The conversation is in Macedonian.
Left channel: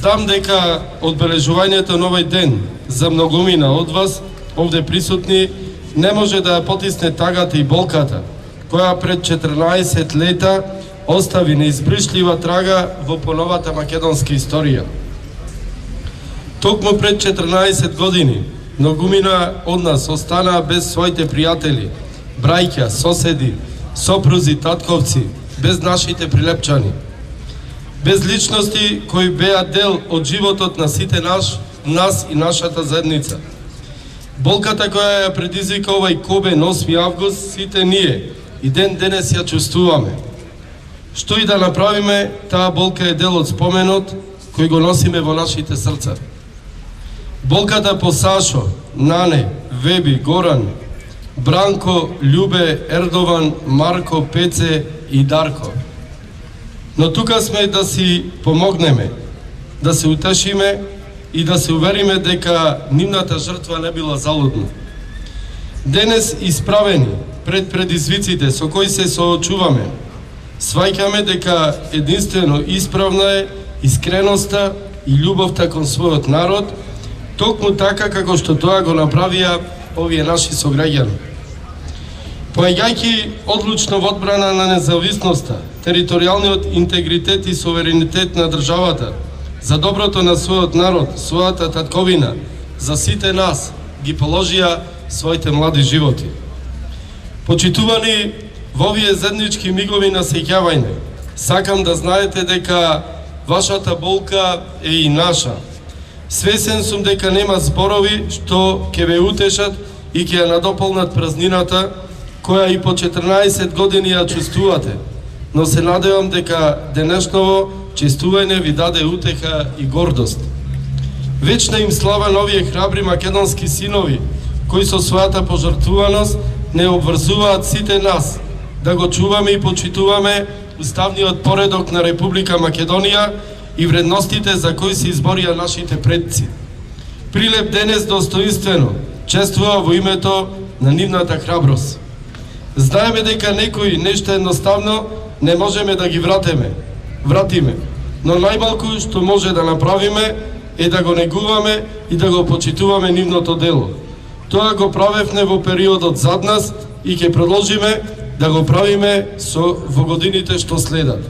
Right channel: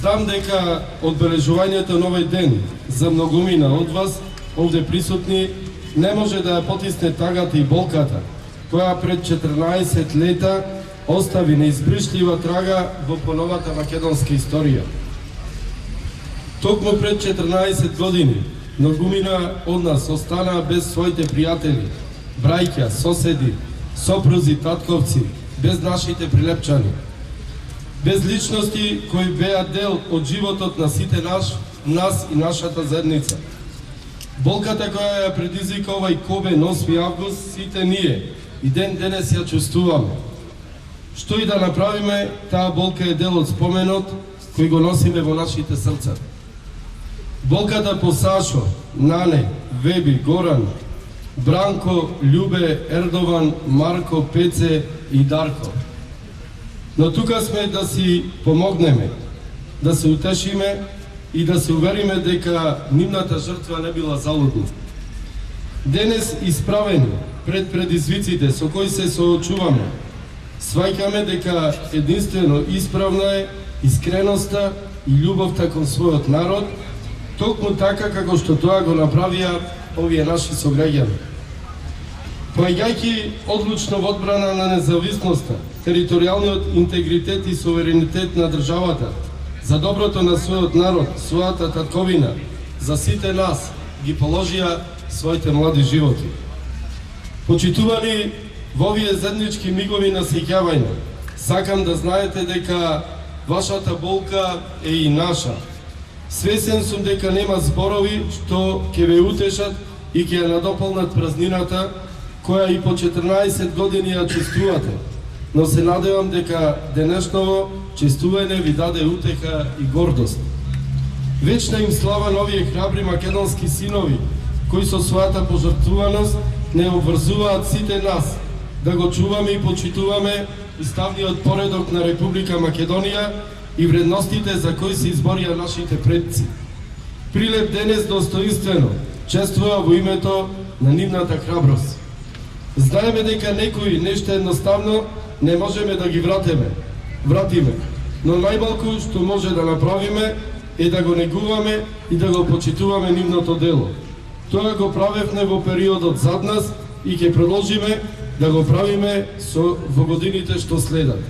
Знам дека одбележувањето на овој ден за многумина од вас, овде присутни, не може да ја потисне тагата и болката, која пред 14 лета остави неизбришлива трага во поновата македонска историја. Токму пред 14 години, многумина од нас останаа без своите пријатели, браќа, соседи, сопрузи, татковци, без нашите прилепчани. Без личности кои беа дел од животот на сите нас и нашата заедница. Болката која ја предизвика овај кобен 8 август, сите ние и ден денес ја чувствуваме. Што и да направиме, таа болка е дел од споменот кој го носиме во нашите срца. Болката по Сашо, Нане, Веби, Горан, Бранко, Љубе, Ердован, Марко, Пеце и Дарко. Но тука сме да си помогнеме, да се утешиме и да се увериме дека нивната жртва не била залудна. Денес исправени пред предизвиците со кои се соочуваме, сваќаме дека единствено исправна е искреноста и љубовта кон својот народ, токму така како што тоа го направија овие наши сограѓани. Поаѓајќи одлучно во одбрана на независноста, територијалниот интегритет и суверенитет на државата, за доброто на својот народ, својата татковина, за сите нас ги положија своите млади животи. Почитувани во овие заеднички мигови на сеќавање, сакам да знаете дека вашата болка е и наша. Свесен сум дека нема зборови што ќе ве утешат и ќе ја надополнат празнината која и по 14 години ја чувствувате, но се надевам дека денешново честување ви даде утеха и гордост. Вечна им слава на овие храбри македонски синови, кои со својата пожртвуваност не обврзуваат сите нас да го чуваме и почитуваме уставниот поредок на Република Македонија и вредностите за кои се изборија нашите предци. Прилеп денес достоинствено чествува во името на нивната храброст. Знаеме дека некои нешто едноставно не можеме да ги вратиме, но најмалку што може да направиме е да го негуваме и да го почитуваме нивното дело. Тоа го правевме во периодот зад нас и ќе продолжиме да го правиме во годините што следат.